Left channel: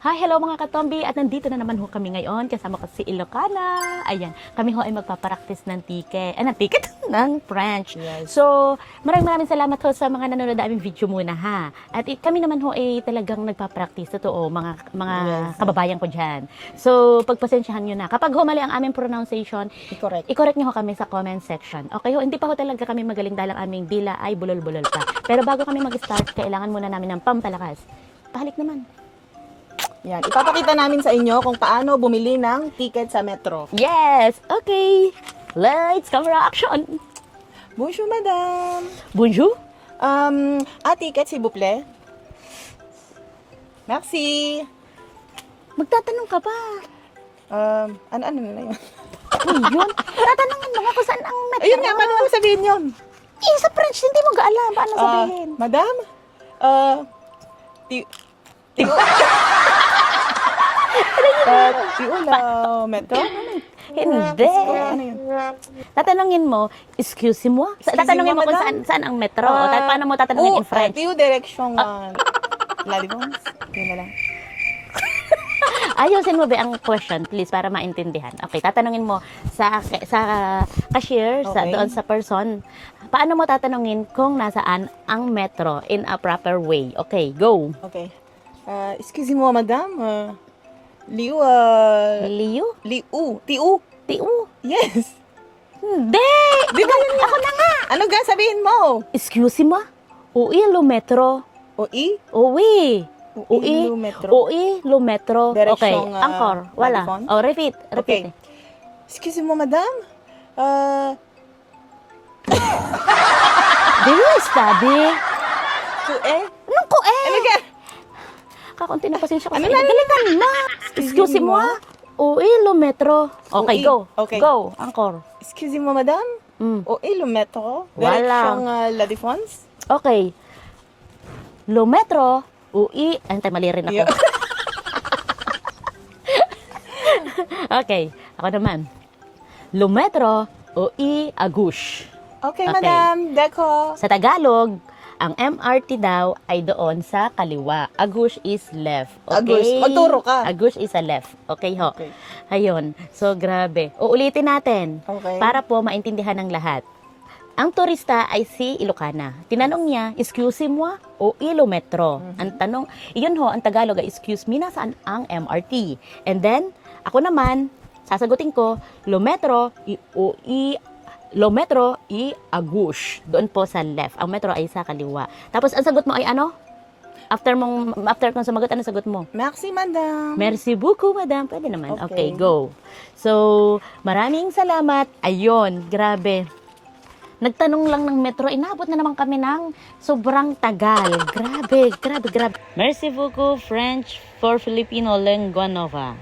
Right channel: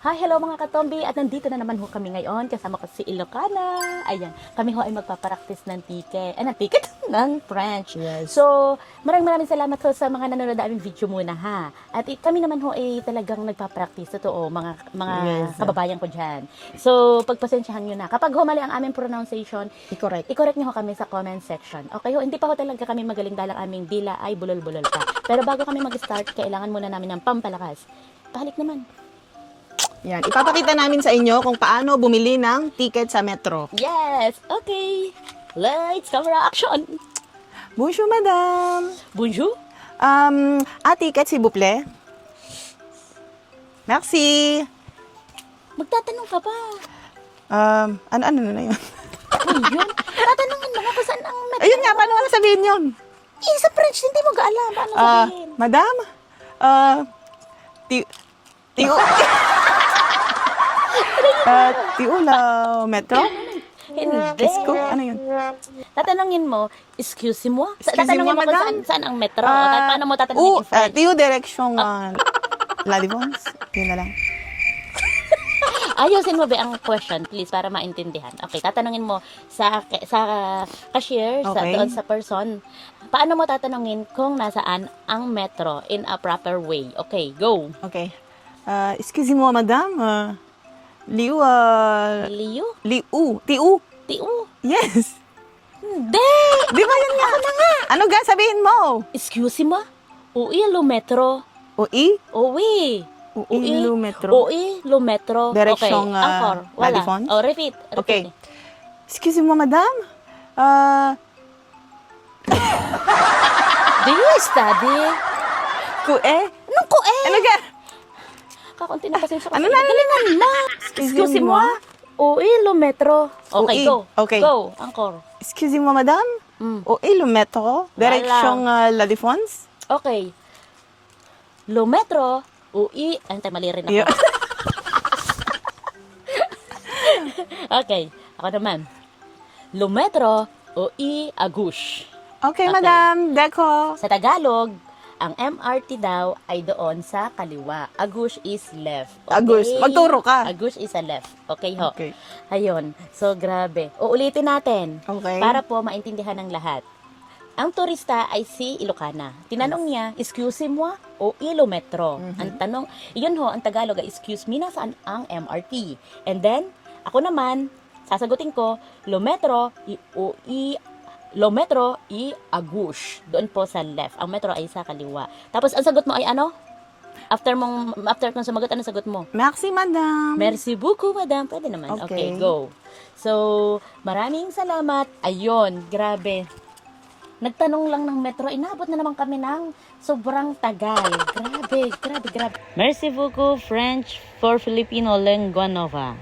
Hi, hello mga katombi at nandito na naman ho kami ngayon kasama ko si Ilocana. Ayan, kami ho ay magpapractice ng ticket, ng French. Yes. So, maraming salamat ho sa mga nanonood na aming video muna ha. At kami naman ho ay talagang nagpapractice, totoo, mga Yes. kababayan ko dyan. So, pagpasensyahan nyo na. Kapag ho mali ang aming pronunciation, Correct. i-correct nyo ho kami sa comment section. Okay ho, hindi pa ho talaga kami magaling dahil ang aming dila ay bulol-bulol pa. Pero bago kami mag-start, kailangan muna namin ng pampalakas. Pahalik naman. Yan. Ipapakita namin sa inyo kung paano bumili ng ticket sa metro. Yes! Okay! Lights, camera, action! Bonjour, madame. Bonjour! Ticket, s'il vous plaît. Merci. Magtatanong ka pa. Ano na yun? Oh, yun. Tatanungin mo nga kung saan ang metro. Ayun nga, paano mo sabihin yun? Sa French, hindi mo gaalam. Paano sabihin? Madame? Tiula metro? Hindi. Ano yun? Tatanungin mo, excuse mo? Tatanungin mo madam? kung saan ang metro. O paano mo tatanungin in French? Tiu direction La Défense. Yun na lang. Ayusin mo ba ang question, please, para maintindihan. Okay, tatanungin mo sa cashier, Okay. doon sa person. Paano mo tatanungin kung nasaan ang metro in a proper way? Okay, go. Okay. Excusez-moi, madame. Liu, Liu? Tiu. Tiu? Yes. Hindi! Di ba yun nga? Ako na nga. Ano ga sabihin mo? Excuse me? Ui, lo metro. Ui? Ui. Ui, lo metro. Ui, lo metro. Direction, okay. Angkor. La Wala. Défense? Oh, repeat. Okay. Excusez-moi, madame. Do you study? Ano ko Ano ga? Kakunti na pasensya ko. Ano na? Excuse me? Ui, lo metro. Okay, Ui. go. Okay. Go, Angkor. Excusez-moi, madame. Mm. Ui, lo metro. Direction La Défense? Okay. Lo metro. Ui. Antay, mali rin ako. Yeah. Okay, ako naman. Lo metro. Ui, agush. Okay, Okay. madame. Deko. Sa Tagalog, ang MRT daw ay doon sa kaliwa. Agush is left. Okay? Agush. Magturo ka. Agush is a left. Okay ho? Okay. Ayun. So, grabe. Uulitin natin. Okay. Para po maintindihan ng lahat. Ang turista ay si Ilocana. Tinanong niya, excuse mo o ilometro? Ang tanong, iyon ho, ang Tagalog ay excuse me, nasaan ang MRT? And then, ako naman, sasagutin ko, lometro i agush. Doon po sa left. Ang metro ay sa kaliwa. Tapos, ang sagot mo ay ano? After kong sumagot, ano sagot mo? Merci, madame. Merci beaucoup, madam. Pwede naman. Okay, Okay. go. So, maraming salamat. Ayun, grabe. Nagtanong lang ng metro, inabot na naman kami ng sobrang tagal. Grabe. Merci beaucoup, French for Filipino Lingua Nova.